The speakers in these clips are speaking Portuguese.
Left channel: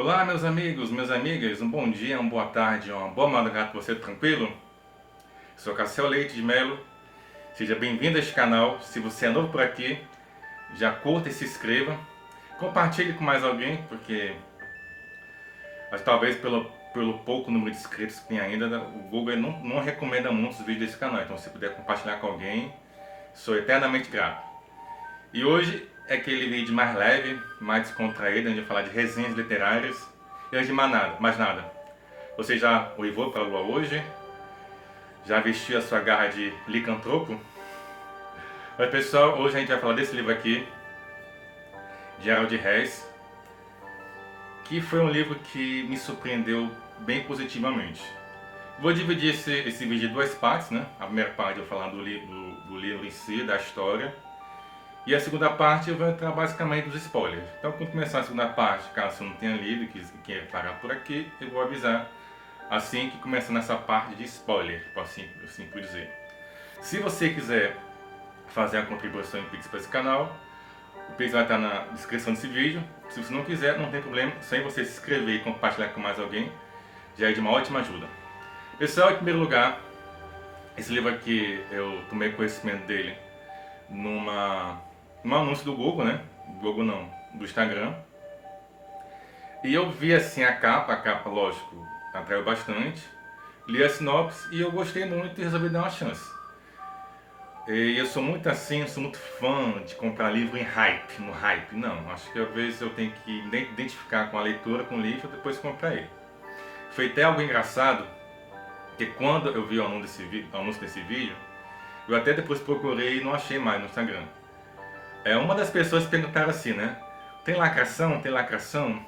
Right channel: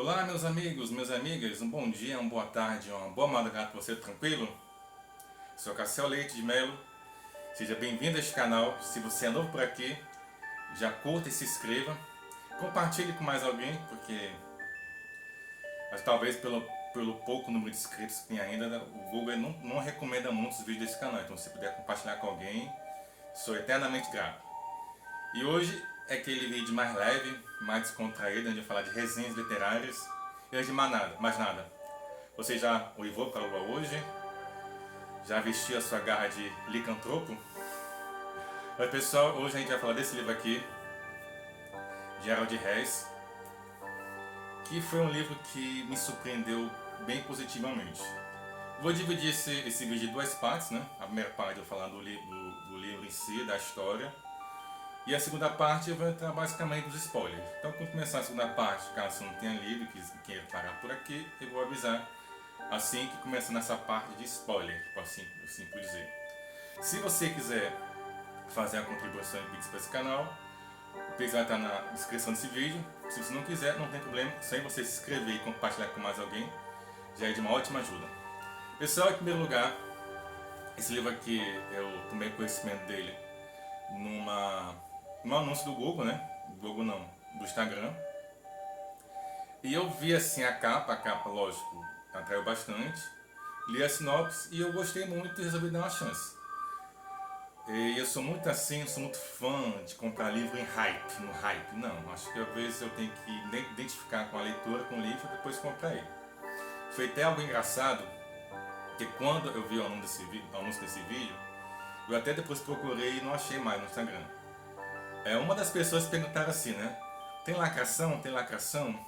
Olá, meus amigos, minhas amigas, um bom dia, uma boa tarde, uma boa madrugada para você, tranquilo? Sou Cassel Leite de Melo, seja bem-vindo a este canal. Se você é novo por aqui, já curta e se inscreva. Compartilhe com mais alguém, porque mas talvez pelo pouco número de inscritos que tem ainda, o Google não recomenda muitos vídeos desse canal. Então, se puder compartilhar com alguém, sou eternamente grato. E hoje é aquele vídeo mais leve, mais descontraído, onde eu falar de resenhas literárias. E antes de mais nada, você já uivou para a lua hoje? Já vestiu a sua garra de licantropo? Mas pessoal, hoje a gente vai falar desse livro aqui, Gerald Hess, que foi um livro que me surpreendeu bem positivamente. Vou dividir esse vídeo em duas partes, né? A primeira parte eu vou falar do livro em si, da história. E a segunda parte eu vou entrar basicamente nos spoilers. Então, quando começar a segunda parte, caso você não tenha lido e queira parar por aqui, eu vou avisar assim que começar nessa parte de spoiler, assim por dizer. Se você quiser fazer a contribuição em Pix para esse canal, o Pix vai estar na descrição desse vídeo. Se você não quiser, não tem problema, só em você se inscrever e compartilhar com mais alguém, já é de uma ótima ajuda. Pessoal, em primeiro lugar, esse livro aqui eu tomei conhecimento dele num anúncio do Google, né? Do Google não, do Instagram. E eu vi assim a capa, lógico, atraiu bastante. Li a sinopse e eu gostei muito e resolvi dar uma chance. E eu sou muito assim, sou muito fã de comprar livro em hype, no hype. Não, acho que às vezes eu tenho que identificar com a leitura, com o livro, e depois comprar ele. Foi até algo engraçado, que quando eu vi o anúncio desse vídeo, eu até depois procurei e não achei mais no Instagram. Uma das pessoas perguntaram assim, né? Tem lacração? Tem lacração?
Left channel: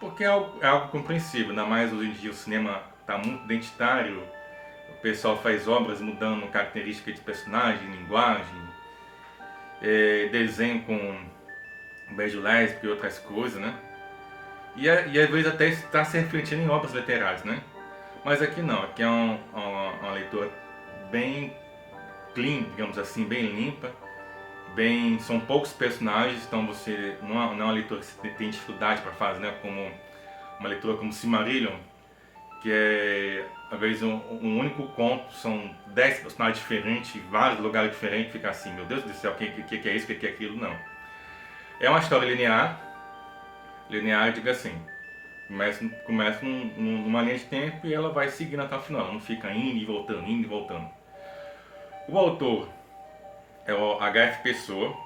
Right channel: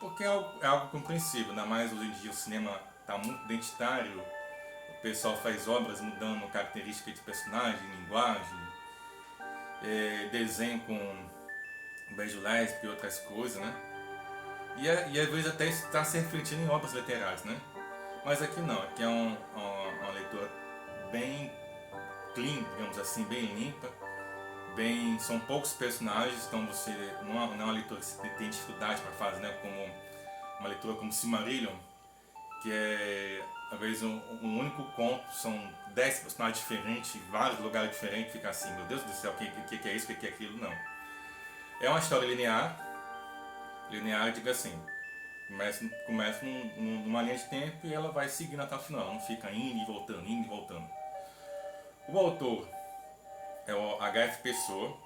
Porque é algo compreensível, ainda mais hoje em dia o cinema está muito identitário, o pessoal faz obras mudando características de personagem, linguagem, desenho com beijo lésbico e outras coisas, né? E às vezes até está se refletindo em obras literárias, né? Mas aqui não, aqui é uma leitura bem clean, digamos assim, bem limpa. São poucos personagens, então você não é uma leitura que você tem dificuldade para fazer, né? Como uma leitura como Silmarillion, que é às vezes um único conto, são 10 personagens diferentes, vários lugares diferentes, fica assim, meu Deus do céu, o que é isso, o que é aquilo, não. É uma história linear, diga assim, começa numa linha de tempo e ela vai seguindo até o final, ela não fica indo e voltando, indo e voltando. O autor é o H.F. Pessoa.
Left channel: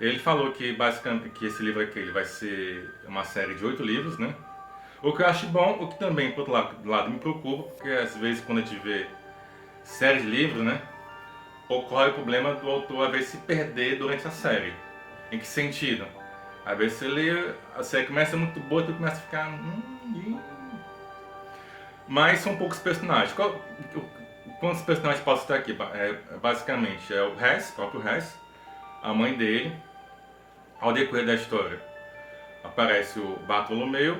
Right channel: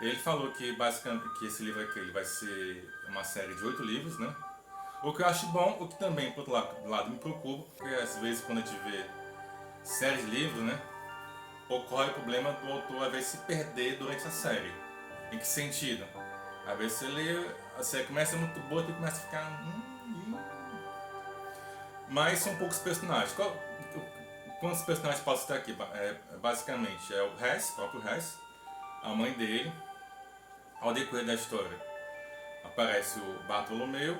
Ele falou que basicamente que esse livro aqui ele vai ser uma série de 8 livros, né? O que eu acho bom, o que também, por outro lado me preocupa, porque às vezes quando a gente vê séries de livros, né? Ocorre o problema do autor às vezes se perder durante a série. Em que sentido? Às vezes você lê, a série começa muito boa e começa a ficar. Mas são poucos personagens. Quantos personagens posso citar aqui? Basicamente é o Hess, o próprio Hess, a mãe dele. Ao decorrer da história aparece o Bartolomeu,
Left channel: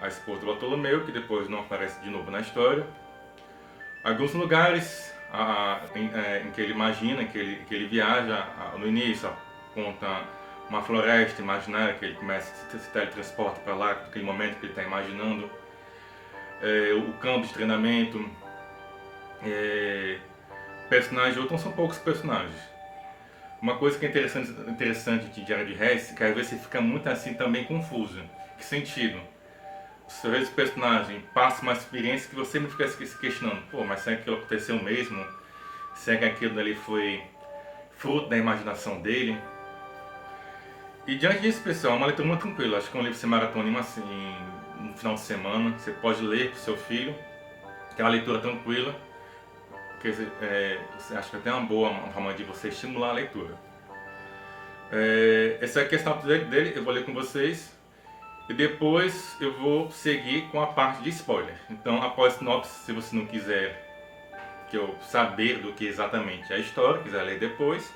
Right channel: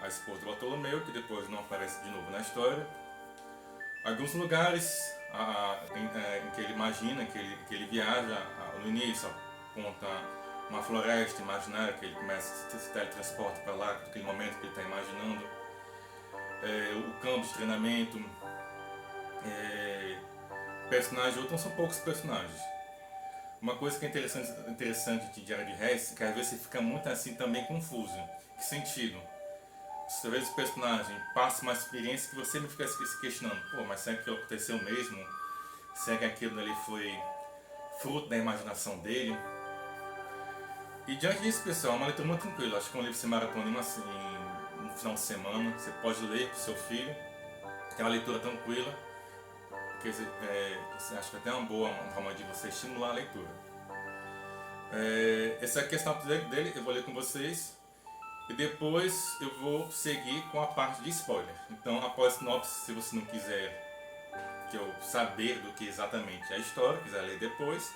a esposa do Bartolomeu, que depois não aparece de novo na história. Alguns lugares em que ele imagina, que ele viaja, no início aponta uma floresta imaginária, que ele começa a se teletransporta para lá, naquele momento que ele está imaginando. O campo de treinamento, personagens, outros são poucos personagens. Uma coisa que é interessante de Gerald Hess é que às vezes você fica muito assim também confuso. Que sentido? Às vezes o personagem passa uma experiência que você me fica se questionando. Pô, mas será que aquilo aconteceu mesmo? Será que aquilo dali foi fruto da imaginação dele? E diante disso, pessoal, é uma leitura muito tranquila. Acho que é um livro que você maratona assim, no final de semana. Você pode ler para o seu filho, que é uma leitura tranquila. Porque você acha que até é uma boa forma de você estimular a leitura. Essa é a questão dele, eu vou ler com vocês. E depois eu vou seguir com a parte de spoiler. Então, após a sinopse, se você não quiser que eu saber do que exatamente é a história, quiser ler depois,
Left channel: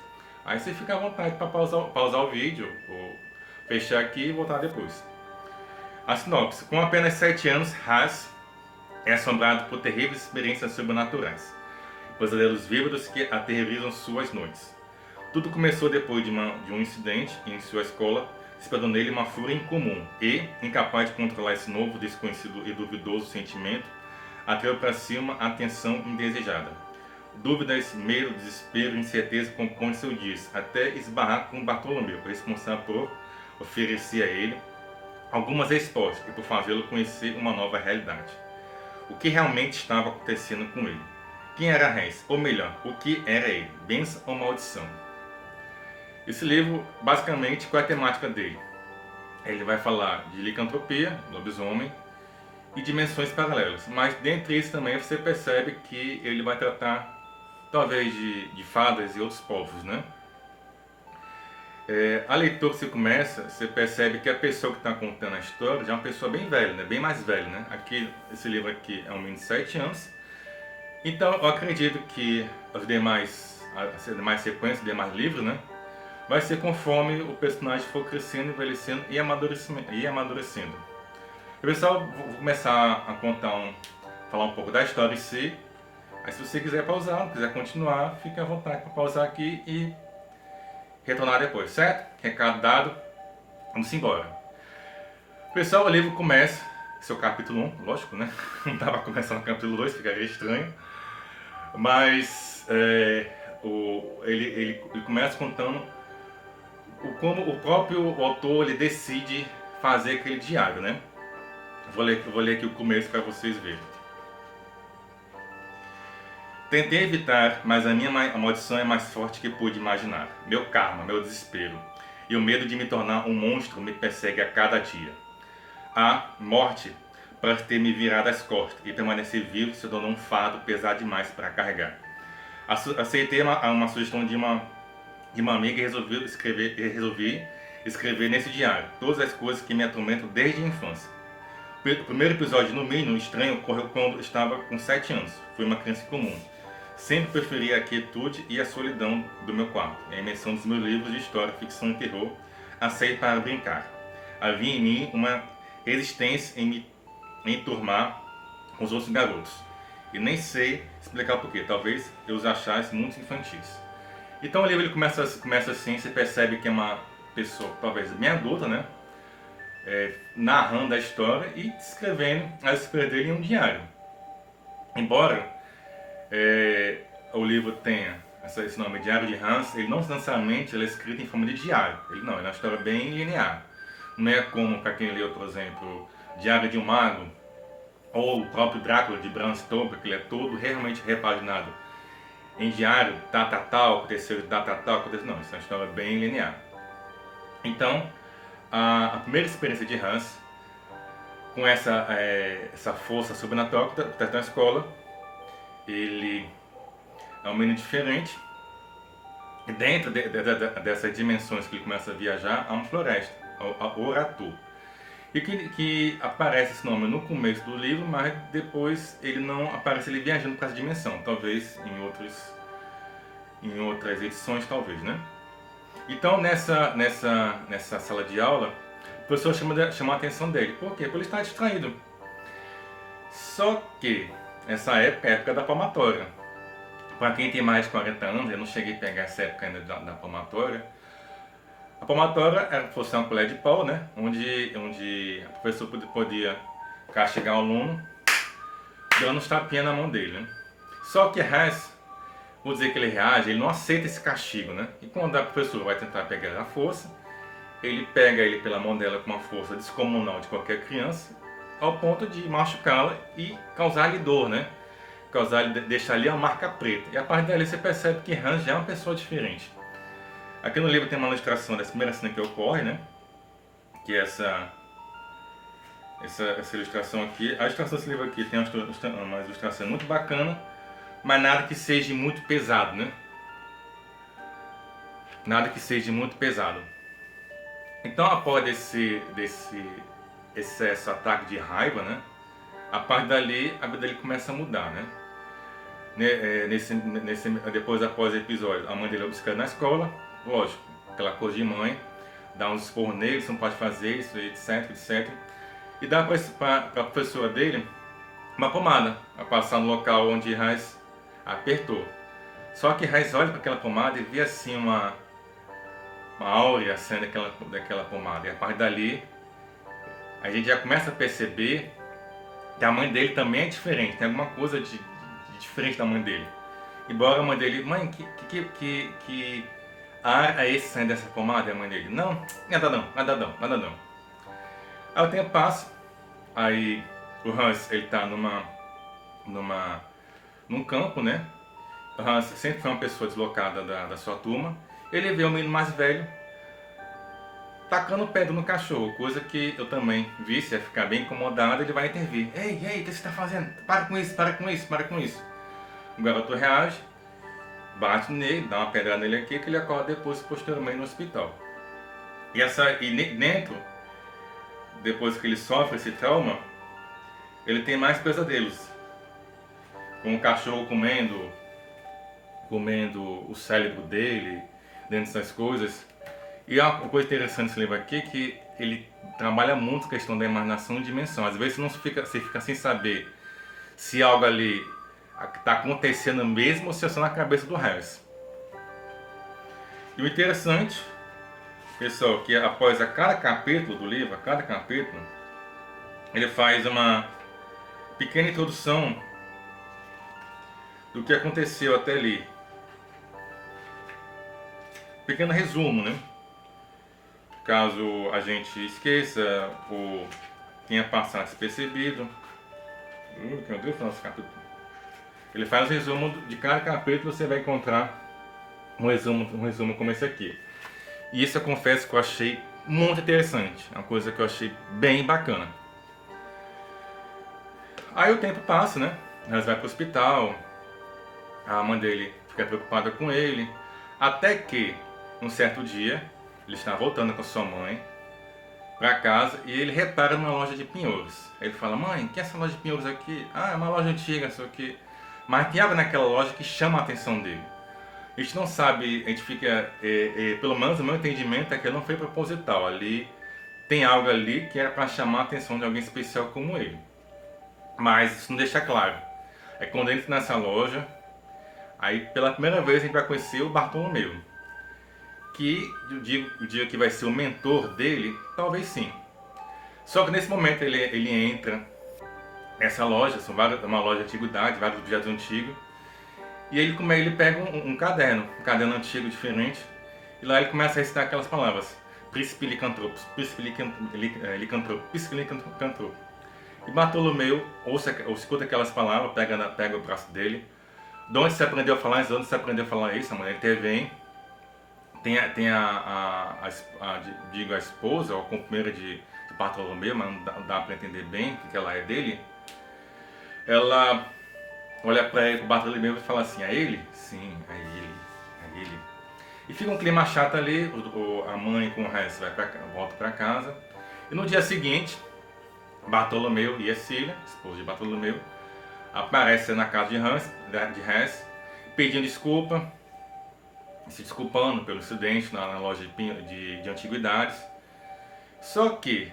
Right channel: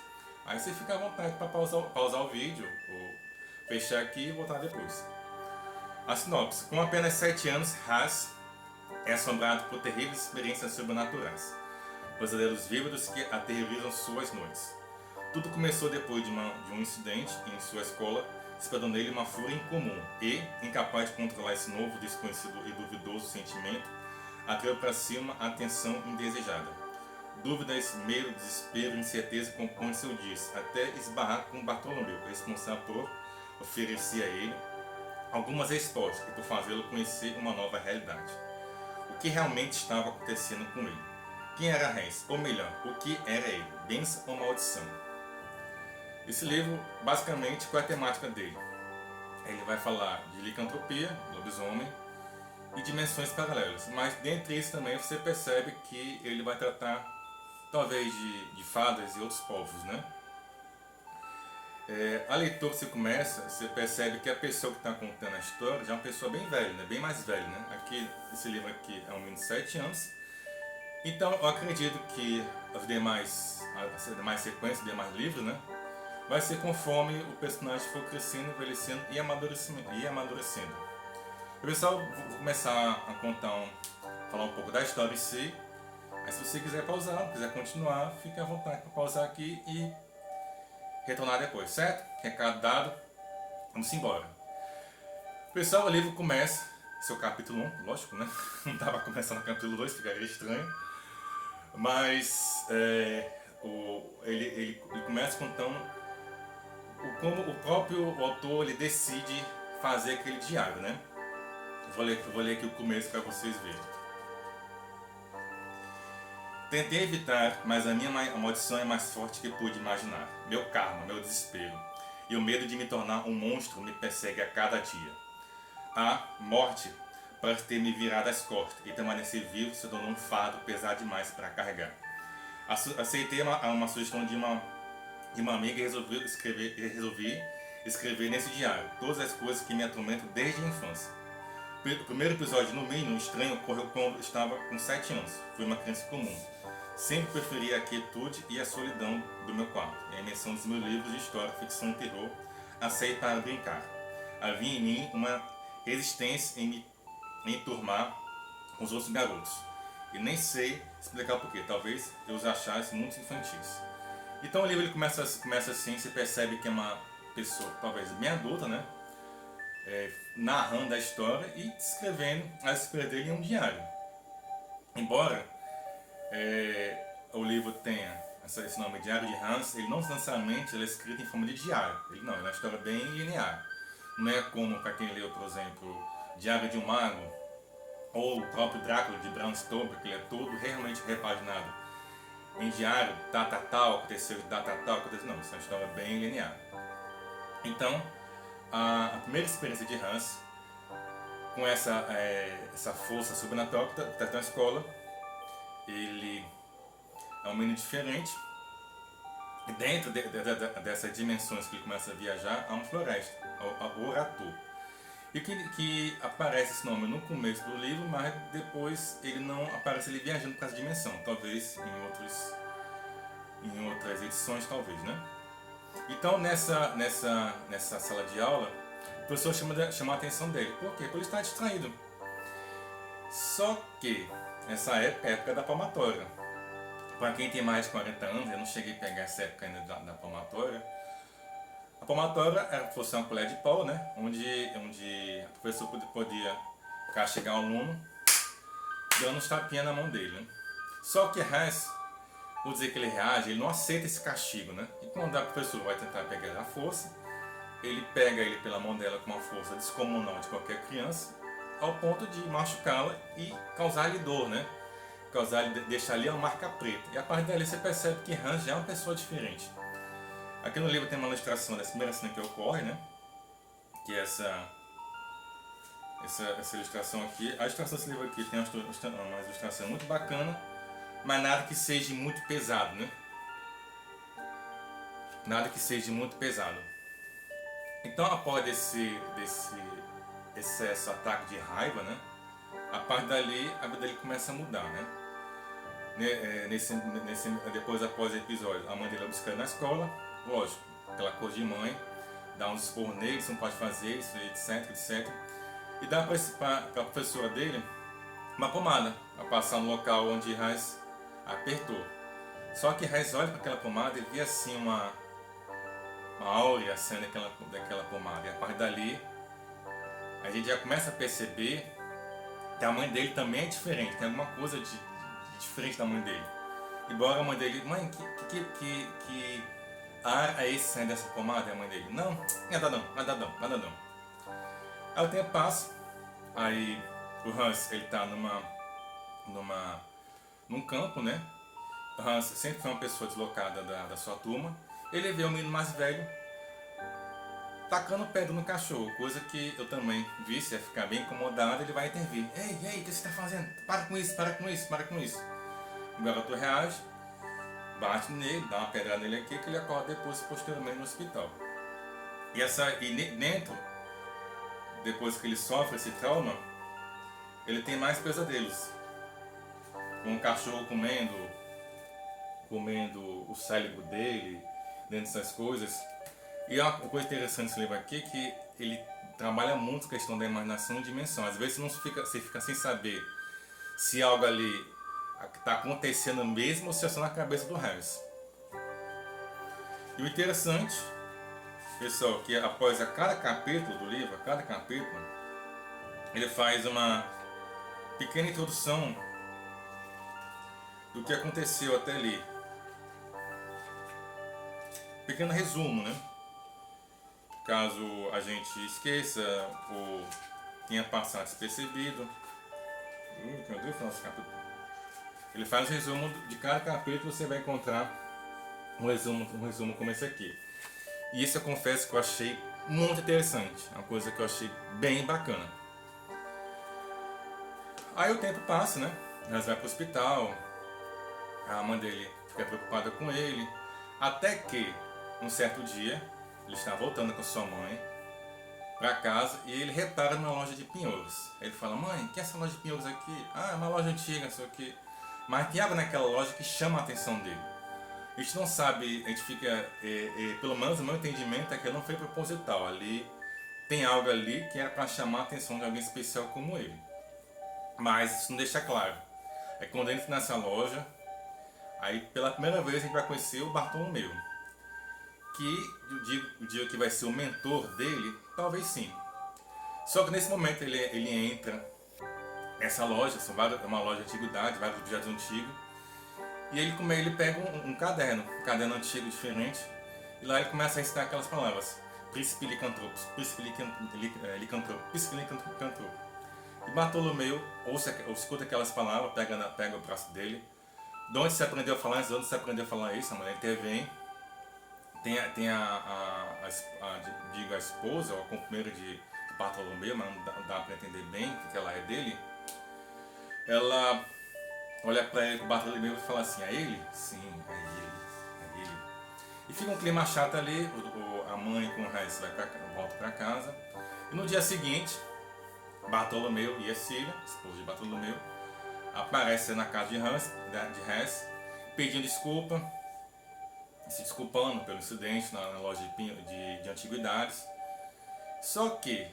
aí você fica à vontade para pausar o vídeo, ou fechar aqui e voltar depois. A sinopse. Com apenas 7 anos, Haas é assombrado por terríveis experiências sobrenaturais, pesadelos vívidos que aterrorizam suas noites. Tudo começou depois de um incidente em sua escola, despertou nele uma fúria incomum e, incapaz de controlar esse novo, desconhecido e duvidoso sentimento, atraiu para si uma atenção indesejada. Dúvidas, medo, desespero, incerteza compõem seus dias, até esbarrar com Bartolomeu, responsável por oferecer a ele algumas respostas e por fazê-lo conhecer uma nova realidade. O que realmente estava acontecendo com ele? Quem era Hans? Ou melhor, o que era ele? Bênção ou maldição? Esse livro, basicamente, qual é a temática dele? Ele vai falar de licantropia, lobisomem e dimensões paralelas. Mas dentre isso também você percebe que ele vai tratar talvez de fadas e outros povos, né? A leitura que você começa, você percebe que a pessoa que está contando a história já é uma pessoa bem velha, né? Bem mais velha, né? Esse livro aqui é um menino de 7 anos. Então eu acredito que as demais sequências, os demais livros, né? Vai ser conforme o personagem for crescendo, envelhecendo e amadurecendo. Pessoal, vou começar a falar um pouco da história em si. Aí se você quiser pausar, não quiser continuar, fique à vontade para pausar aqui e retornar depois, certo? Recado dado, vamos embora. Pessoal, o livro começa, esse é o capítulo 1, lógico, né? Não dá para começar no capítulo 2, ficaria estranho. Mas ele começa contando como o próprio autor ele decide fazer aquele diário, né? Vou ler aqui o começo para vocês verem. Tentei evitar, mas a minha maldição é mais forte que pude imaginar. Meu karma, meu desespero e o medo de me tornar um monstro me persegue a cada dia. A morte parece ter me virado as costas e permanecer vivo se tornou um fardo pesado demais para carregar. Aceitei uma sugestão de uma amiga e resolvi escrever nesse diário todas as coisas que me atormentam desde a infância. O primeiro episódio, no mínimo estranho, ocorreu quando estava com 7 anos. Fui uma criança comum. Sempre preferi a quietude e a solidão do meu quarto, e a imersão dos meus livros de história, ficção e terror, a sair para brincar. Havia em mim uma resistência em me enturmar com os outros garotos. E nem sei explicar porquê, talvez eu os achasse muito infantis. Então o livro ele começa assim, você percebe que é uma pessoa, talvez bem adulta, né? Narrando a história e descrevendo as experiências dele em um diário. Embora o livro tenha esse nome Diário de Hans, ele não necessariamente ele é escrito em forma de diário. Ele é uma história bem linear. Não é como para quem leu, por exemplo, Diário de um Mago ou o próprio Drácula de Bram Stoker, que ele é todo realmente repaginado em diário, data tal, aconteceu data tal, aconteceu. Não, isso é uma história bem linear. Então, a primeira experiência de Hans, com essa força sobrenatural que está na escola, ele é um menino diferente. E dentro dessas dimensões que ele começa a viajar, há uma floresta, a Oratu. E que aparece esse nome no começo do livro, mas depois ele não aparece ele viajando para essa dimensão. Talvez em outras edições, talvez, né? Então nessa sala de aula, o professor chama a atenção dele. Por quê? Porque ele está distraído. Só que essa época é a época da palmatória. Para quem tem mais de 40 anos, eu não cheguei a pegar essa época ainda da palmatória. A palmatória fosse uma colher de pau, né? Onde a professora podia castigar o aluno dando uns tapinhas na mão dele, né? Só que Hans, vou dizer que ele reage, ele não aceita esse castigo, né? E quando a professora vai tentar pegar a força, ele pega ele pela mão dela com uma força descomunal de qualquer criança, ao ponto de machucá-la e causar-lhe dor, né? Deixar ali uma marca preta. E a partir dali você percebe que Hans já é uma pessoa diferente. Aqui no livro tem uma ilustração dessa primeira cena que ocorre, né? Que é essa ilustração aqui. A ilustração desse livro aqui tem uma ilustração muito bacana, mas nada que seja muito pesado, né? Nada que seja muito pesado. Então, após esse ataque de raiva, né? A partir dali, a vida dele começa a mudar, né? Depois, após o episódio, a mãe dele é obcecada na escola, lógico, aquela coisa de mãe, dá uns esporros nele, você não pode fazer isso, etc, etc. E dá para a professora dele uma pomada, a passar no local onde Hans apertou. Só que Hans olha para aquela pomada e vê assim áurea cena daquela pomada. E a partir dali, a gente já começa a perceber que a mãe dele também é diferente. Tem alguma coisa de diferente da mãe dele. Embora a mãe dele, mãe, que ar é esse saindo dessa pomada? E a mãe dele, não, nada não, nada não, nada não. Aí o tempo passa, aí o Hans, ele tá num campo, né? O Hans sempre foi uma pessoa deslocada da sua turma. Ele vê o menino mais velho tacando pedra no cachorro, coisa que eu também vi, se ia ficar bem incomodado, ele vai intervir. Ei, o que você está fazendo? Para com isso, para com isso, para com isso. O garoto reage, bate nele, dá uma pedrada nele aqui, que ele acorda depois, posteriormente, no hospital. E dentro, depois que ele sofre esse trauma, ele tem mais pesadelos. Com o cachorro comendo o cérebro dele, dentro dessas coisas. E uma coisa interessante desse livro aqui é que ele trabalha muito a questão da imaginação e dimensão. Às vezes você fica sem saber se algo ali está acontecendo mesmo ou se é só na cabeça do Harris. E o interessante, pessoal, que após cada capítulo do livro, ele faz uma pequena introdução do que aconteceu até ali. Pequeno resumo, né? Caso a gente esqueça ou tenha passado despercebido. Ele faz um resumo de cada capítulo, você vai encontrar um resumo como esse aqui. E isso eu confesso que eu achei muito interessante, uma coisa que eu achei bem bacana. Aí o tempo passa, né? Nós vai para o hospital, a mãe dele fica preocupada com ele, até que, um certo dia, ele está voltando com sua mãe para casa e ele repara numa loja de penhores. Ele fala, mãe, que é essa loja de penhores aqui? Ah, é uma loja antiga, sei o quê. Mas tem algo naquela loja que chama a atenção dele. A gente não sabe, a gente fica, pelo menos o meu entendimento é que não foi proposital. Ali tem algo ali que era para chamar a atenção de alguém especial como ele. Mas isso não deixa claro. É quando entra nessa loja, aí pela primeira vez a gente vai conhecer o Bartolomeu. Que eu digo que vai ser o mentor dele, talvez sim. Só que nesse momento ele entra nessa loja, uma loja de antiguidade, vários objetos antigos, e ele pega um caderno antigo diferente, e lá ele começa a recitar aquelas palavras: príncipe licantropos, príncipe licantropo, príncipe licantropo. E Bartolomeu escuta aquelas palavras, pega o braço dele. De onde você aprendeu a falar isso? De onde você aprendeu a falar isso? A mulher intervém. Tem a esposa, ou a companheira de Bartolomeu, mas não dá para entender bem o que ela é dele. Ela olha para ele, Bartolomeu, e fala assim: é ele? Sim, é ele. E fica um clima chato ali, a mãe com o resto volta para casa. E no dia seguinte, Bartolomeu e a Cília, esposa de Bartolomeu, aparecem na casa de Hans, pedindo desculpa, se desculpando pelo incidente na loja de antiguidades. Só que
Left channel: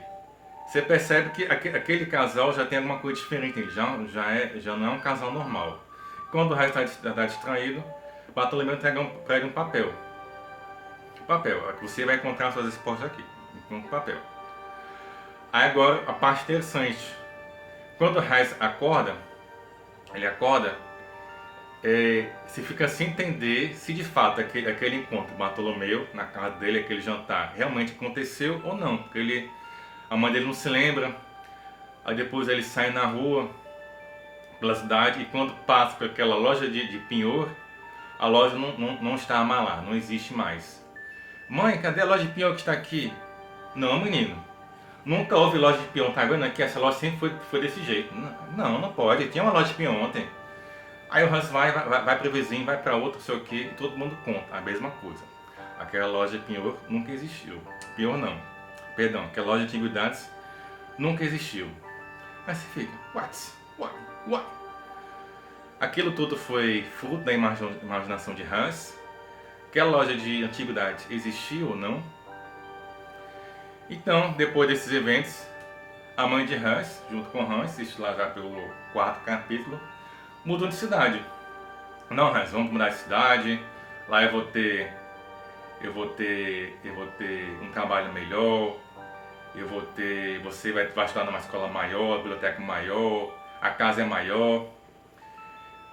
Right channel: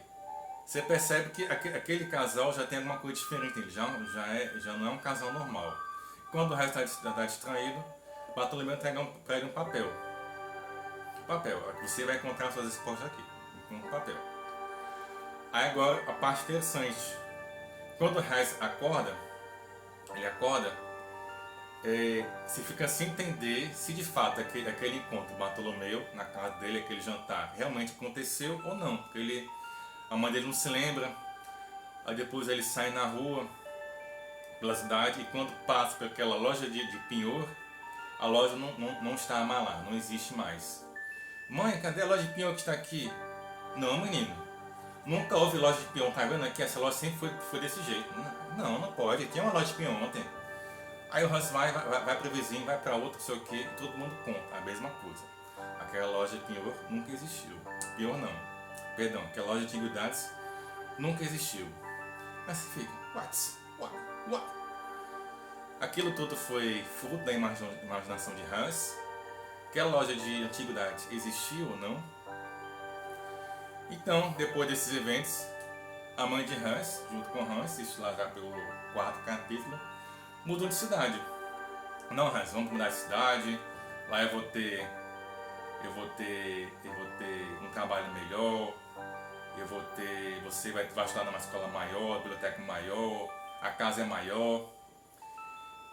você percebe que aquele casal já tem alguma coisa diferente, já não é um casal normal. Quando o Hans está distraído, Bartolomeu prega um papel. Você vai encontrar suas respostas aqui, um papel. Aí agora a parte interessante. Quando o Hans acorda, você fica sem entender se de fato aquele encontro com Bartolomeu na casa dele, aquele jantar, realmente aconteceu ou não. Porque a mãe dele não se lembra. Aí depois ele sai na rua, pela cidade, e quando passa por aquela loja de penhor, a loja não está mais lá, não existe mais. Mãe, cadê a loja de penhor que está aqui? Não, menino. Nunca houve loja de peão, tá vendo aqui? Essa loja sempre foi desse jeito. Não pode. Tinha uma loja de peão ontem. Aí o Hans vai pro vizinho, vai para outro, sei o que, e todo mundo conta a mesma coisa. Aquela loja de penhor nunca existiu. Penhor não. Perdão, aquela loja de antiguidades nunca existiu. Mas você fica, what? Aquilo tudo foi fruto da imaginação de Hans. Aquela loja de antiguidades existiu ou não? Então, depois desses eventos, a mãe de Hans, junto com Hans, isso lá já pelo 4º capítulo, mudou de cidade. Não, Hans, vamos mudar de cidade. Lá eu eu vou ter um trabalho melhor, você vai estudar numa escola maior, biblioteca maior, a casa é maior.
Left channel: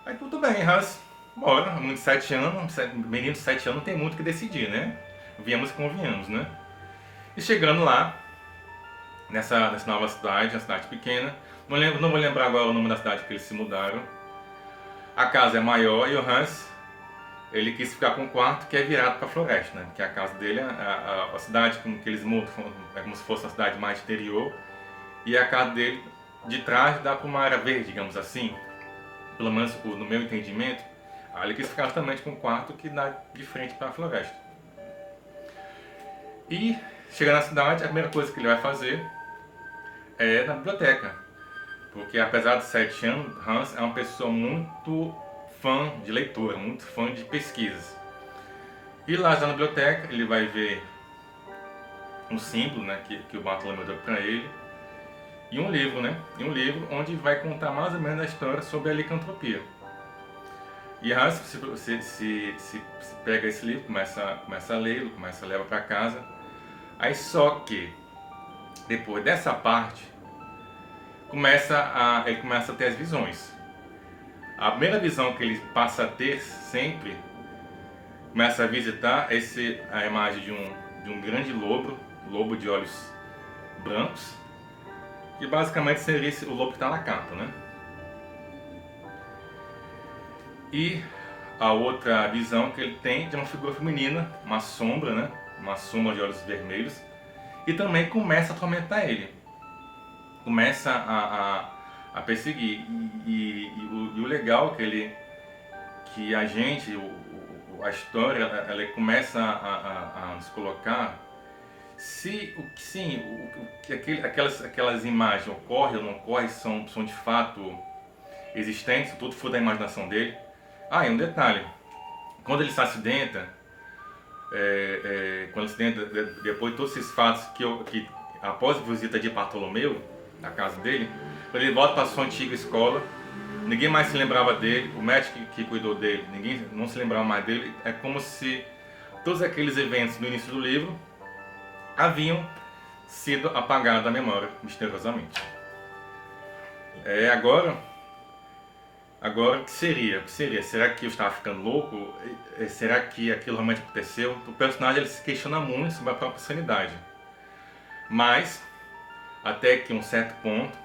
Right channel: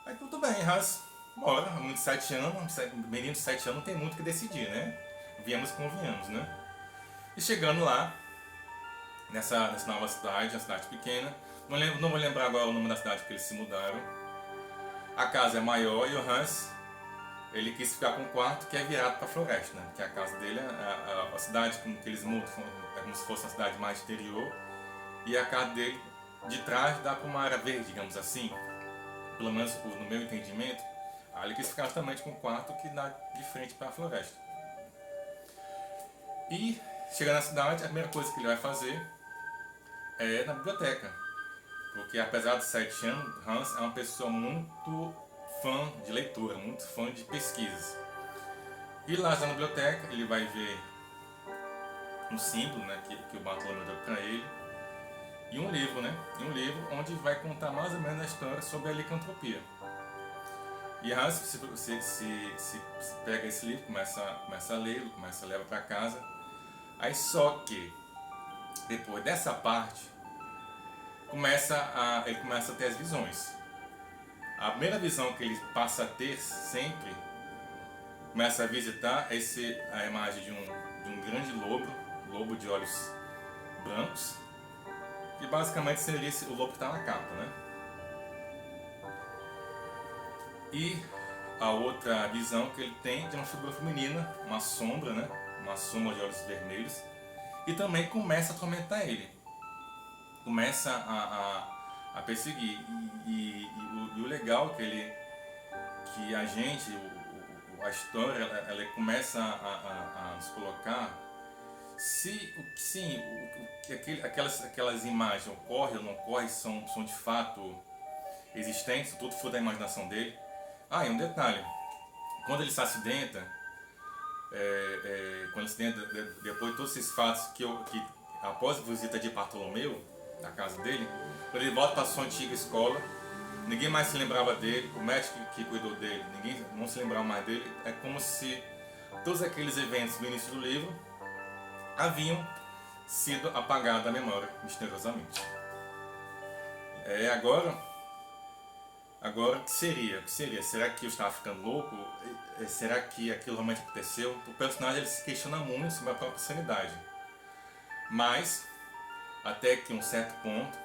Aí tudo bem, Hans, bora, menino de 7 anos, menino de 7 anos não tem muito o que decidir, né? Viemos e convenhamos, né? E chegando lá, nessa nova cidade, uma cidade pequena, não vou lembrar agora o nome da cidade que eles se mudaram. A casa é maior e o Hans, ele quis ficar com um quarto que é virado para a floresta, né? Que a casa dele, a cidade com que eles mudam, é como se fosse uma cidade mais exterior, e a casa dele de trás dá para uma área verde, digamos assim. Pelo menos no meu entendimento, aí ele quis ficar justamente com um quarto que dá de frente para a floresta. E chega na cidade, a primeira coisa que ele vai fazer é na biblioteca, porque apesar de 7 anos, Hans é uma pessoa muito fã de leitura, muito fã de pesquisas. E lá na biblioteca ele vai ver um símbolo, né, que o Bartolomeu deu para ele, e um livro, né? E um livro onde vai contar mais ou menos a história sobre a licantropia. E Hans se pega esse livro, começa a lê-lo, começa a levar para casa. Aí só que depois dessa parte ele começa a ter as visões. A primeira visão que ele passa a ter sempre, começa a visitar a imagem de um grande lobo de olhos brancos, que basicamente seria o lobo que está na capa, né? E a outra visão que ele tem de uma figura feminina, uma sombra, né? Uma sombra de olhos vermelhos, e também começa a atormentar ele, começa a perseguir. E o legal é que a gente, a história, ela começa a nos colocar se aquelas imagens ocorrem ou não ocorrem, são de fato existentes, tudo foi da imaginação dele. E um detalhe, quando ele se acidenta, depois de todos esses fatos que após a visita de Bartolomeu, na casa dele, quando ele volta para a sua antiga escola, ninguém mais se lembrava dele, o médico que cuidou dele, ninguém não se lembrava mais dele. É como se todos aqueles eventos do início do livro haviam sido apagados da memória, misteriosamente. Agora o que seria? Será que eu estava ficando louco? Será que aquilo realmente aconteceu? O personagem ele se questiona muito sobre a própria sanidade. Mas, até que um certo ponto,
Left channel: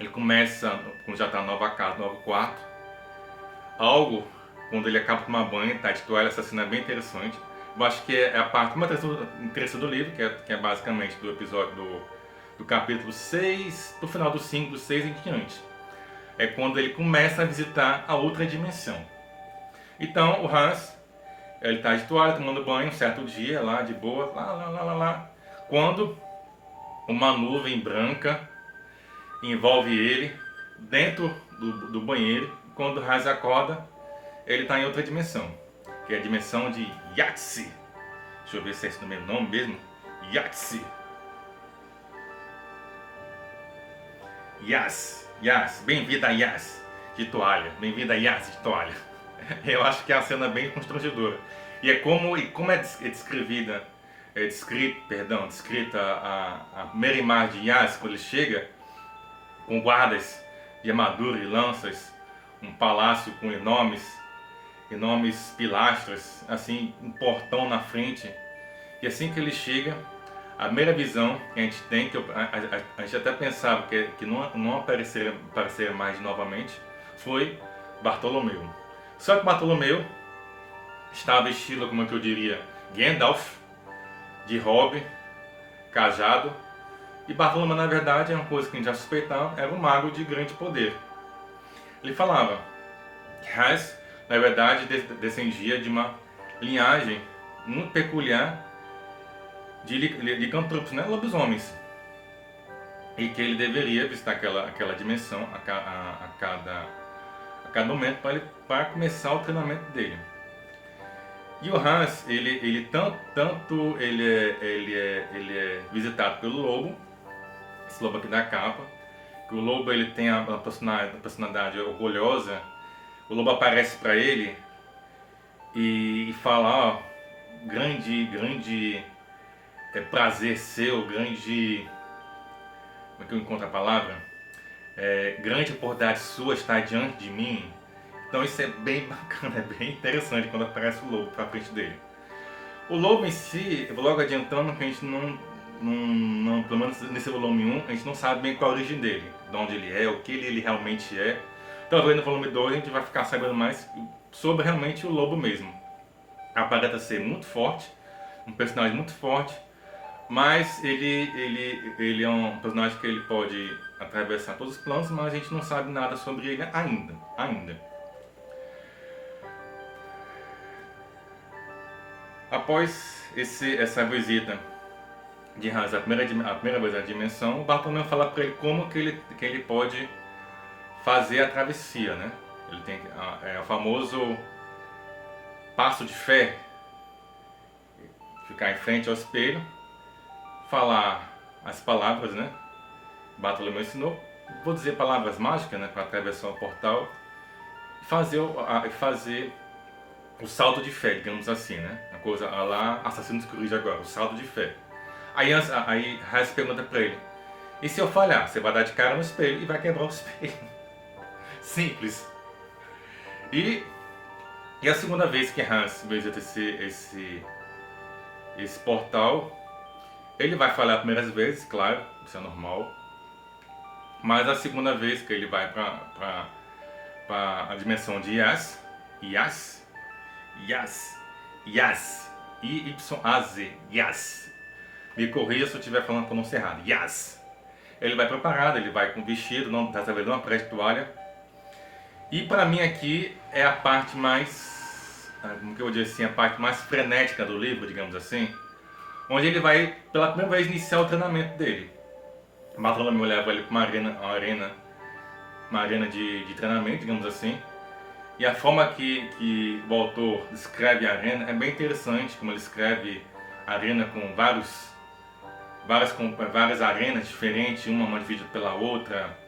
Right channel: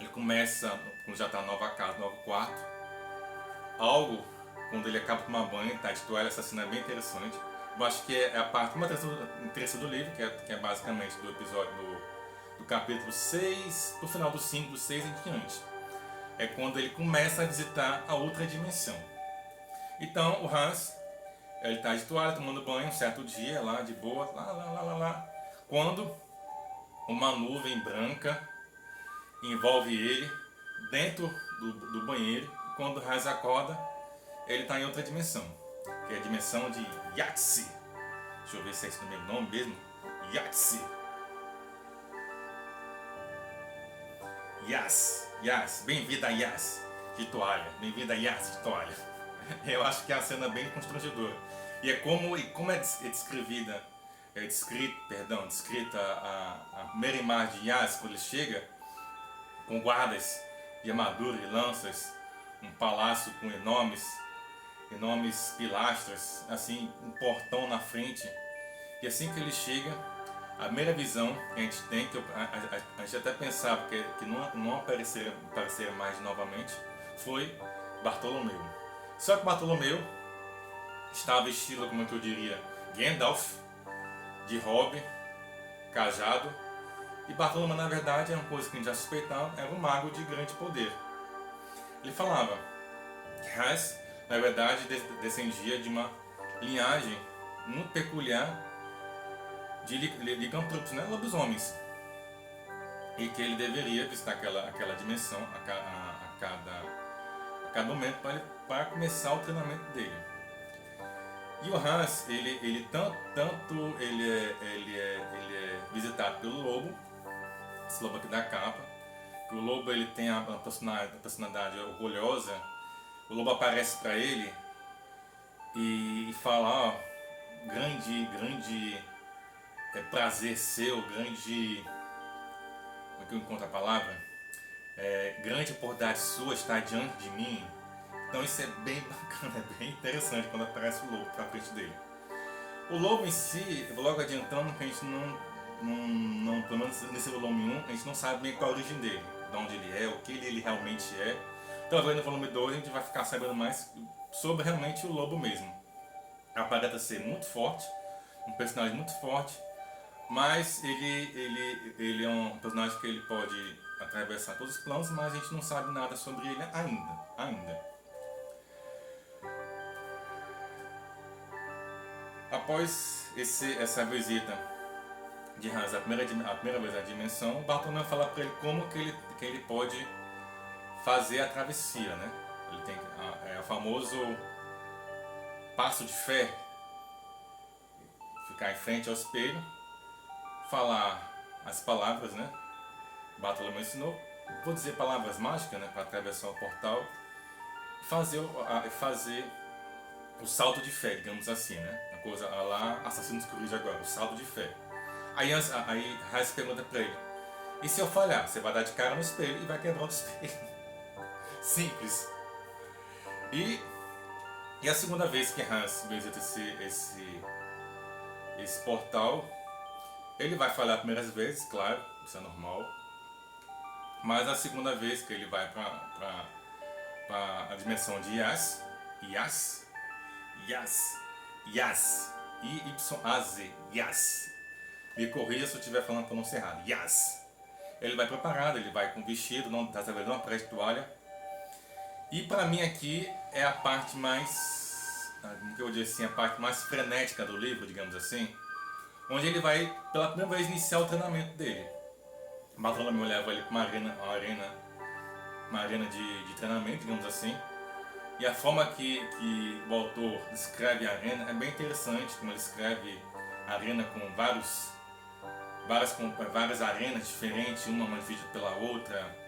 ele começa, quando já está na nova casa, no novo quarto, quando ele acaba de tomar banho, tá de toalha, essa cena é bem interessante. Eu acho que é a parte mais interessante do livro, que é basicamente do episódio do capítulo 6, do final do 5, do 6 em diante. É quando ele começa a visitar a outra dimensão. Então o Hans, ele está de toalha, tomando banho um certo dia, lá de boa, lá, quando uma nuvem branca envolve ele dentro do banheiro. Quando o Hans acorda, ele está em outra dimensão, que é a dimensão de Yahtzee. Deixa eu ver se é esse o meu nome mesmo. Yahtzee. Yas, bem-vinda a Yas de toalha, bem-vinda a Yas de toalha. Eu acho que é uma cena bem constrangedora. E como é descrita a primeira imagem de Yas quando ele chega, com guardas de armadura e lanças, um palácio com enormes pilastras, assim, um portão na frente. E assim que ele chega, a primeira visão que a gente tem, a gente até pensava que não apareceria mais novamente, foi Bartolomeu. Só que Bartolomeu estava vestido, como é que eu diria, Gandalf, de robe, cajado. E Bartolomeu, na verdade, é uma coisa que a gente já suspeitava, era um mago de grande poder. Ele falava que Hans, na verdade, descendia de uma linhagem muito peculiar de licantropos, né? Lobisomens, e que ele deveria visitar aquela dimensão a cada momento para começar o treinamento dele. E o Hans, ele é visitado pelo lobo, esse lobo aqui da capa, que o lobo ele tem a personalidade orgulhosa. O lobo aparece para ele e fala: grande prazer seu, grande, como é que eu encontro a palavra? Grande oportunidade sua estar diante de mim. Então isso é bem bacana, é bem interessante quando aparece o lobo pra frente dele. O lobo em si, eu vou logo adiantando que a gente não, pelo menos nesse volume 1, a gente não sabe bem qual a origem dele, de onde ele é, o que ele realmente é. Talvez no volume 2 a gente vai ficar sabendo mais sobre realmente o lobo mesmo. Aparenta ser muito forte, um personagem muito forte, mas ele é um personagem que ele pode atravessar todos os planos, mas a gente não sabe nada sobre ele ainda. Após essa visita de Hans, a primeira vez à dimensão, o Bartolomeu fala para ele como que ele pode fazer a travessia, né? Ele tem o famoso passo de fé, ficar em frente ao espelho, falar as palavras, né? Bartolomeu ensinou, vou dizer palavras mágicas, né? Para atravessar o portal e fazer o salto de fé, digamos assim, né? Uma coisa a lá Assassin's Creed agora, o salto de fé. Aí Hans pergunta pra ele, e se eu falhar? Você vai dar de cara no espelho e vai quebrar o espelho. Simples. E a segunda vez que Hans visita esse portal, ele vai falhar primeiras vezes, claro, isso é normal. Mas a segunda vez que ele vai para a dimensão de Yas, I-Y-A-Z, Yas. Me corrija se eu estiver falando a pronúncia errada, Yas. Ele vai preparado, ele vai com vestido, dessa vez não aparece toalha. E para mim aqui é a parte mais, como que eu vou dizer assim, a parte mais frenética do livro, digamos assim, onde ele vai pela primeira vez iniciar o treinamento dele. Bartolomeu leva ele para uma arena de treinamento, digamos assim. E a forma que o autor descreve a arena é bem interessante, como ele escreve a arena com várias arenas diferentes, uma dividida pela outra.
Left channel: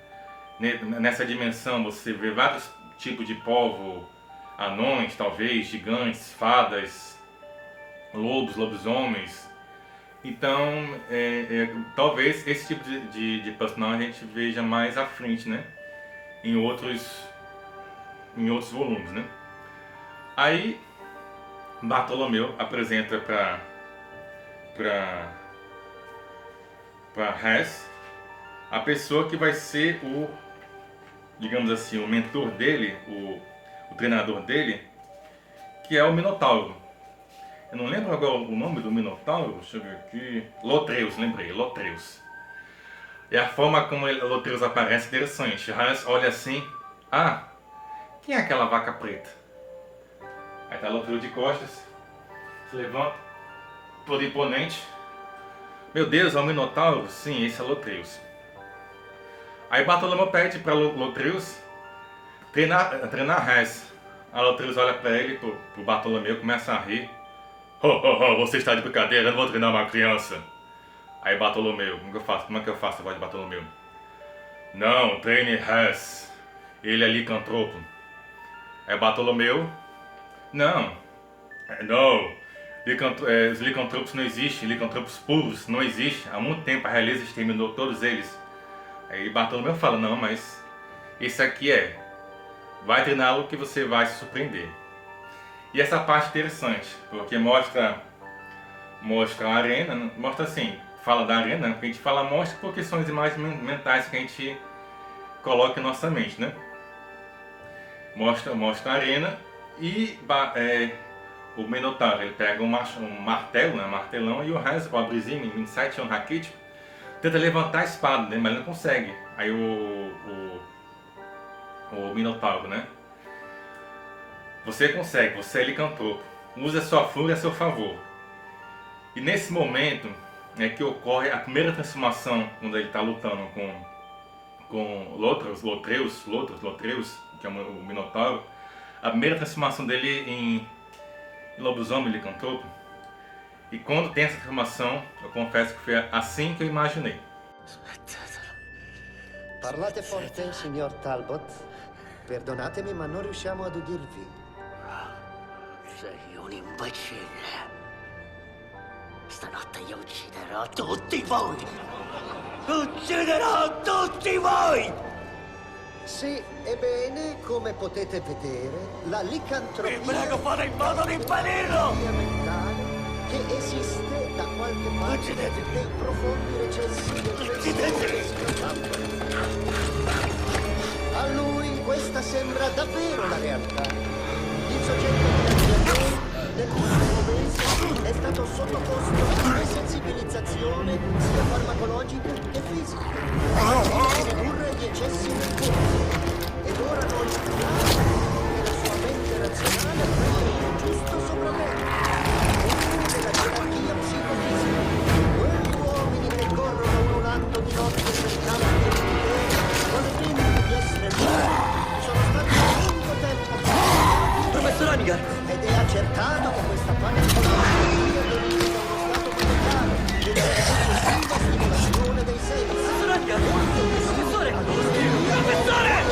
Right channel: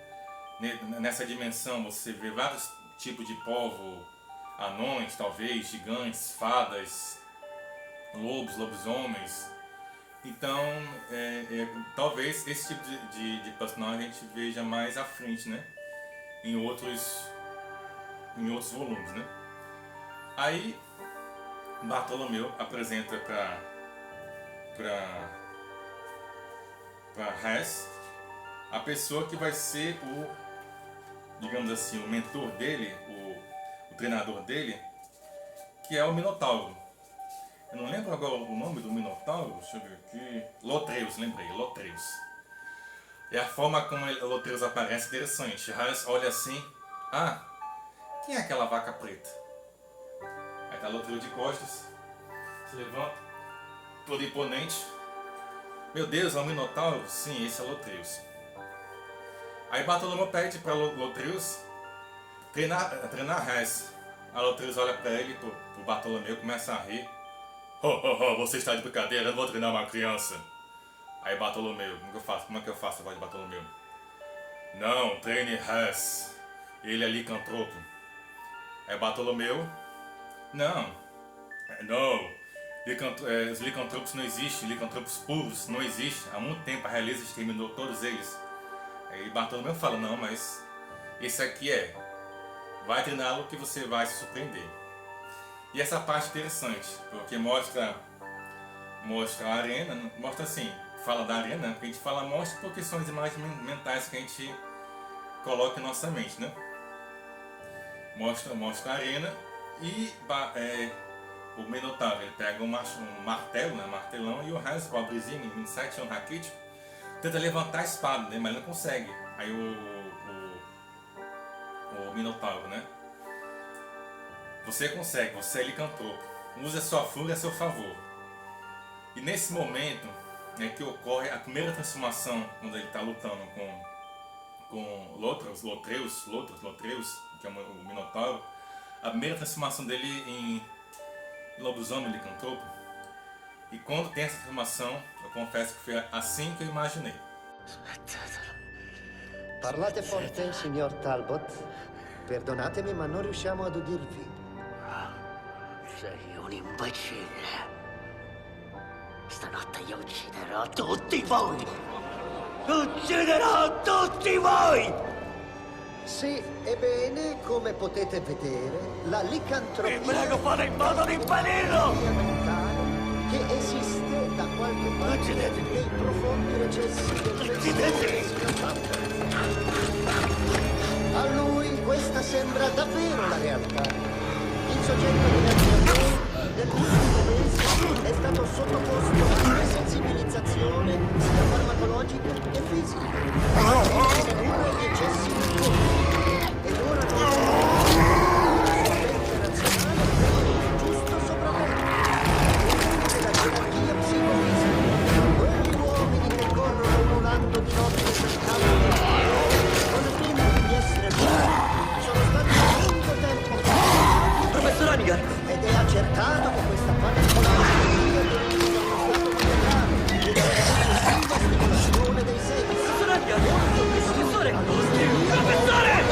Nessa dimensão você vê vários tipos de povo, anões, talvez, gigantes, fadas, lobisomens. Então, talvez esse tipo de personagem a gente veja mais à frente, né? Em outros volumes, né? Aí, Bartolomeu apresenta para Hans a pessoa que vai ser digamos assim, o mentor dele, o treinador dele, que é o Minotauro. Eu não lembro agora o nome do Minotauro, deixa eu ver aqui. Lotreus, lembrei, Lotreus. E a forma como Lotreus aparece é interessante. Hans olha assim, quem é aquela vaca preta? Aí tá Lotreus de costas, se levanta, todo imponente. Meu Deus, é um Minotauro? Sim, esse é Lotreus. Aí Bartolomeu pede para Lotreus treinar Hans. A Lotreus olha para ele, pro Bartolomeu, começa a rir. Você está de brincadeira, eu não vou treinar uma criança. Aí Bartolomeu, como é que eu faço a voz de Bartolomeu? Não, treine Hans. Ele é licantropo. Aí Bartolomeu, não. Os licantropos não existem, licantropos puros não existem. Há muito tempo a realeza exterminou todos eles. Aí Bartolomeu fala, não, mas esse aqui vai treiná-lo que você vai se surpreender. E essa parte é interessante, porque mostra a arena, mostra assim, fala da arena, porque a gente mostra porque são as imagens mentais que a gente coloca em nossa mente, né? Mostra a arena e o Minotauro, ele pega um martelo, né, martelão, e o Hans, o Abrizinho, em Insight on Raquítico, tenta levantar a espada, né, mas ele não consegue. Aí o Minotauro, né? Você consegue, você é licantropo. Use a sua fúria a seu favor. E nesse momento é que ocorre a primeira transformação, quando ele está lutando com Lotreus, que é o Minotauro. A primeira transformação dele em lobisomem licantropo. E quando tem essa transformação, eu confesso que foi assim que eu imaginei. Parlate forte, signor Talbot. Perdonatemi, ma non riusciamo ad udirvi. Sei un imbecille. Stanotte io ucciderò tutti voi! Ucciderò tutti voi! Sì, ebbene, come potete vedere, la licantropia... Vi prego, fate in modo di impedirlo! ...mentale che esiste da qualche parte Uccidetemi! nei profondi recessi del pensiero del signor Talbot. A lui questa sembra davvero la realtà. Il soggetto di Navigatore nell'ultimo mese è stato sottoposto a desensibilizzazione sia farmacologica che fisica. Pure gli eccessi del corpo. Ed ora non la sua mente razionale prende il giusto sopravvento. Della gerarchia psicofisica. Quegli uomini che corrono ululando di notte per campi di potere con le finti di essere liberi sono stati a lungo tempo Professor Anigar! ed è accertato che questa particolare malattia derivi da uno stato maniacale e da un'eccessiva stimolazione dei sensi. Professor Anigar! Molto più Professore! simile Professore!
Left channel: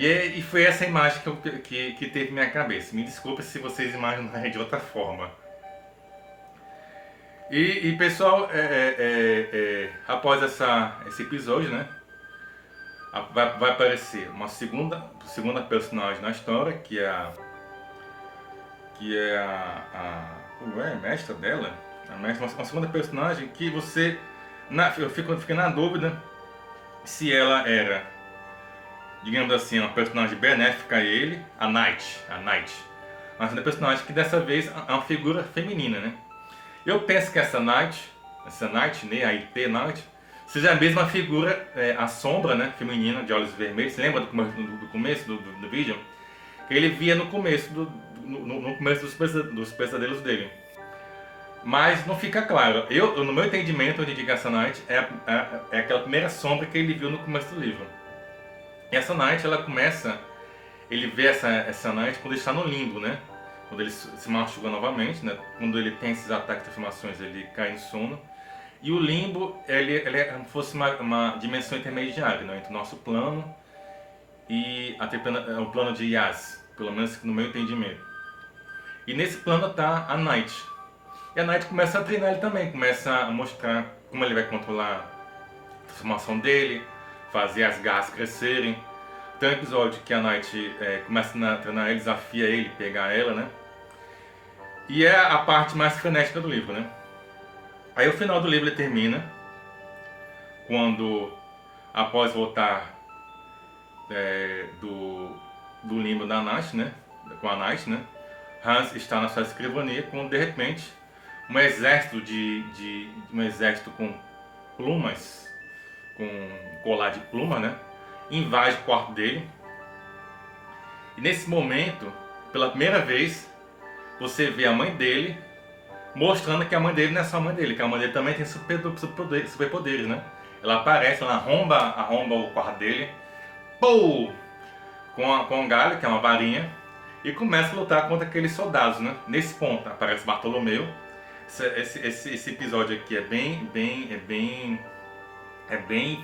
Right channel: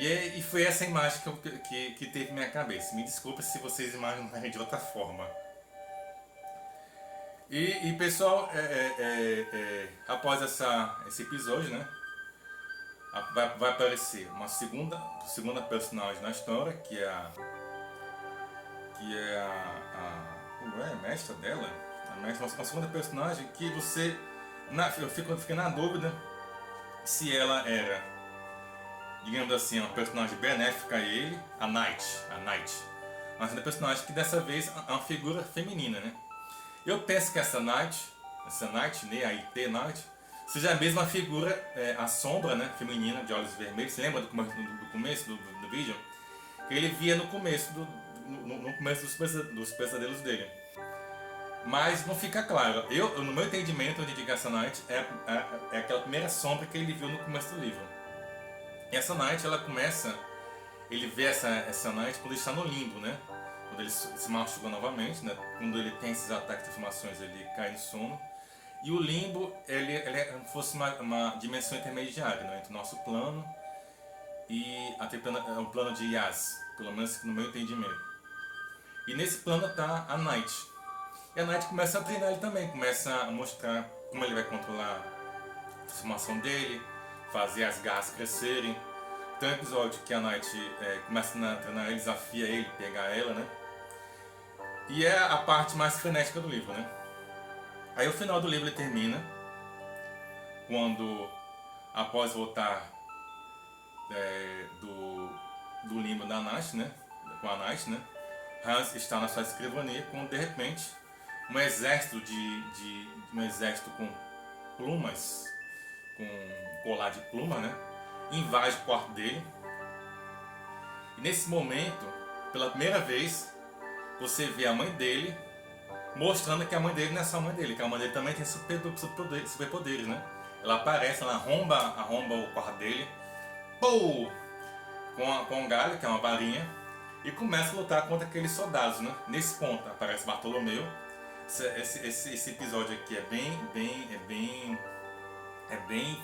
E foi essa imagem que teve minha cabeça. Me desculpe se vocês imaginarem de outra forma. E pessoal, após esse episódio, né, vai aparecer uma segunda personagem na história, que é a mestra dela, uma segunda personagem que eu fiquei na dúvida se ela era, digamos assim, uma personagem benéfica a ele, a Night, mas uma personagem que dessa vez é uma figura feminina, né? Eu penso que essa Night, né, a IT Night, seja a mesma figura, a sombra, né, feminina de olhos vermelhos. Você lembra do começo do vídeo? Que ele via no começo dos pesadelos dele. Mas não fica claro. No meu entendimento, onde digo essa Night é aquela primeira sombra que ele viu no começo do livro. E essa Night, ele vê essa Night quando ele está no limbo, né? Quando ele se machuca novamente, né? Quando ele tem esses ataques de afirmações, ele cai em sono. E o limbo, ele é como se fosse uma dimensão intermediária, né? Entre o nosso plano e o plano de Yas, pelo menos no meu entendimento. E nesse plano está a Night. E a Night começa a treinar ele também, começa a mostrar como ele vai controlar a transformação dele, fazer as garras crescerem. Tem um episódio que a Night começa a treinar ele, desafia ele, pegar ela, né? E é a parte mais frenética do livro, né? Aí o final do livro ele termina quando, após voltar do limbo da Night, né? Com a Night, né? Hans está na sua escrivania quando de repente um exército um exército com plumas, com colar de pluma, né? Invade o quarto dele. E nesse momento, pela primeira vez, você vê a mãe dele mostrando que a mãe dele não é só a mãe dele, que a mãe dele também tem superpoderes, né? Ela aparece, ela arromba o quarto dele, pô, com um galho, que é uma varinha, e começa a lutar contra aqueles soldados, né? Nesse ponto aparece Bartolomeu. Esse episódio aqui é bem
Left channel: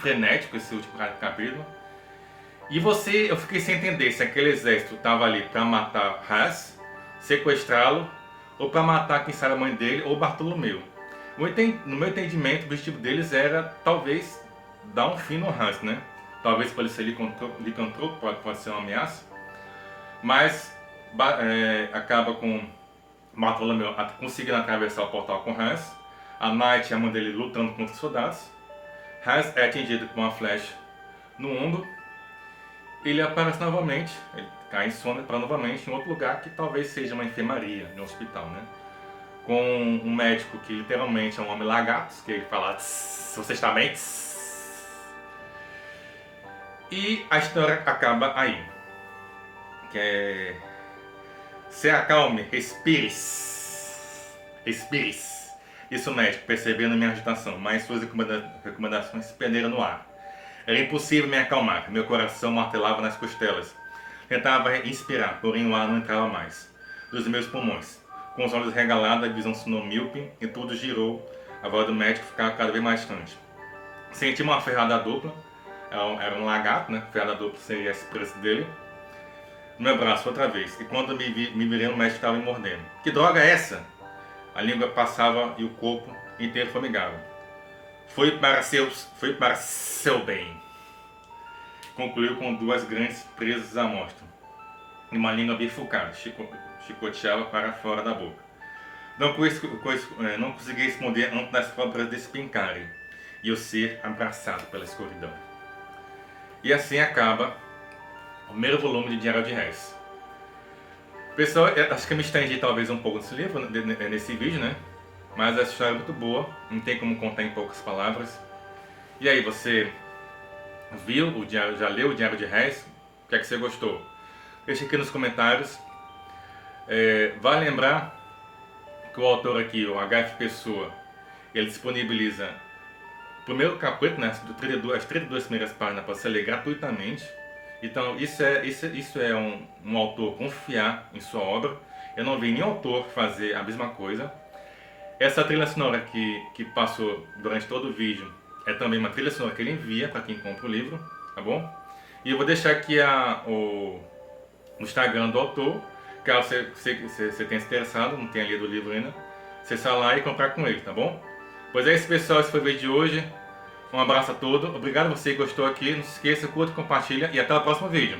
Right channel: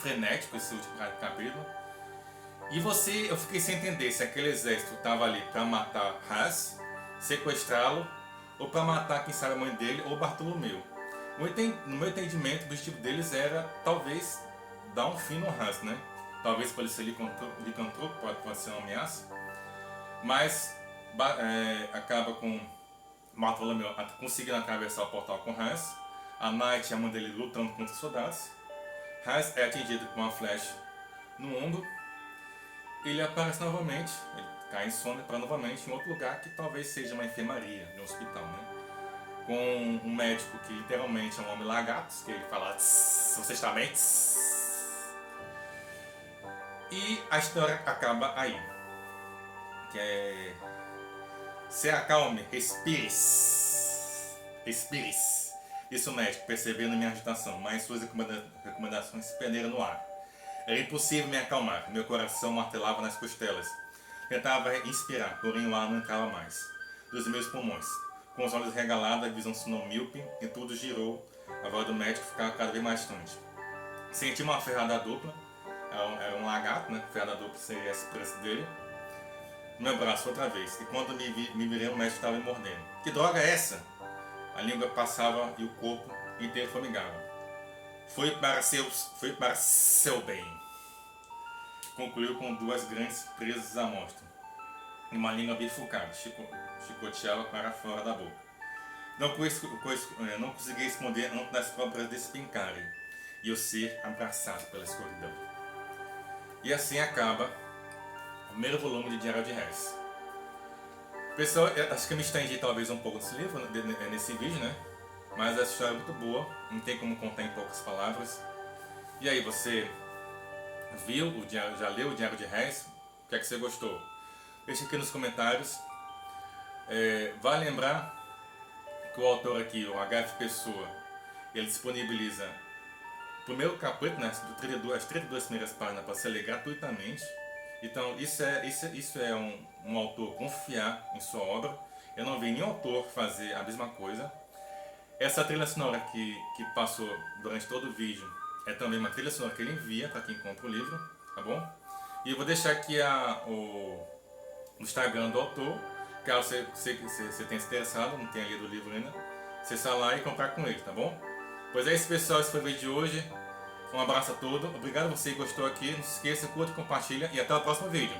frenético, esse último capítulo. E eu fiquei sem entender se aquele exército estava ali para matar Hans, sequestrá-lo, ou para matar quem sabe a mãe dele, ou Bartolomeu. No meu entendimento, o objetivo deles era talvez dar um fim no Hans, né? Talvez para ele ser licantropo, pode ser uma ameaça. Mas acaba com Bartolomeu conseguindo atravessar o portal com Hans. A Night e a mãe dele lutando contra os soldados. Hans é atingido com uma flecha no ombro. Ele aparece novamente, ele cai em sono para novamente em outro lugar que talvez seja uma enfermaria, um hospital, né? Com um médico que literalmente é um homem lagarto, que ele fala: "Você está bem?" E a história acaba aí. Que é: se acalme, respire. Isso, médico, percebendo minha agitação, mas suas recomendações se perderam no ar. Era impossível me acalmar, meu coração martelava nas costelas. Tentava inspirar, porém o ar não entrava mais dos meus pulmões. Com os olhos regalados, a visão se tornou míope e tudo girou. A voz do médico ficava cada vez mais distante. Senti uma ferrada dupla, era um lagarto, né? Ferrada dupla seria esse preço dele. No meu braço outra vez, e quando me virei, o médico estava me mordendo. Que droga é essa? A língua passava e o corpo inteiro formigava. Foi para seu bem. Concluiu com 2 grandes presas à mostra. E uma língua bifurcada, chicoteava para fora da boca. Não conseguia esconder antes das próprias despincarem e eu ser abraçado pela escuridão. E assim acaba o primeiro volume de Diário de Reis. Pessoal, acho que eu me estendi talvez um pouco nesse livro, nesse vídeo, né? Mas a história é muito boa, não tem como contar em poucas palavras. E aí, você viu o diário, já leu o Diário de Reis? O que é que você gostou? Deixa aqui nos comentários. Vale lembrar que o autor aqui, o H.F. Pessoa, ele disponibiliza o primeiro capítulo, né, as 32 primeiras páginas para você ler gratuitamente. Então isso é um autor confiar em sua obra. Eu não vi nenhum autor fazer a mesma coisa. Essa trilha sonora que passou durante todo o vídeo é também uma trilha sonora que ele envia para quem compra o livro, tá bom? E eu vou deixar aqui o Instagram do autor, caso você tenha se interessado, não tenha lido o livro ainda, você sai lá e comprar com ele, tá bom? Pois é isso, pessoal, esse foi o vídeo de hoje. Um abraço a todos, obrigado a você que gostou aqui, não se esqueça, curta, compartilha e até o próximo vídeo.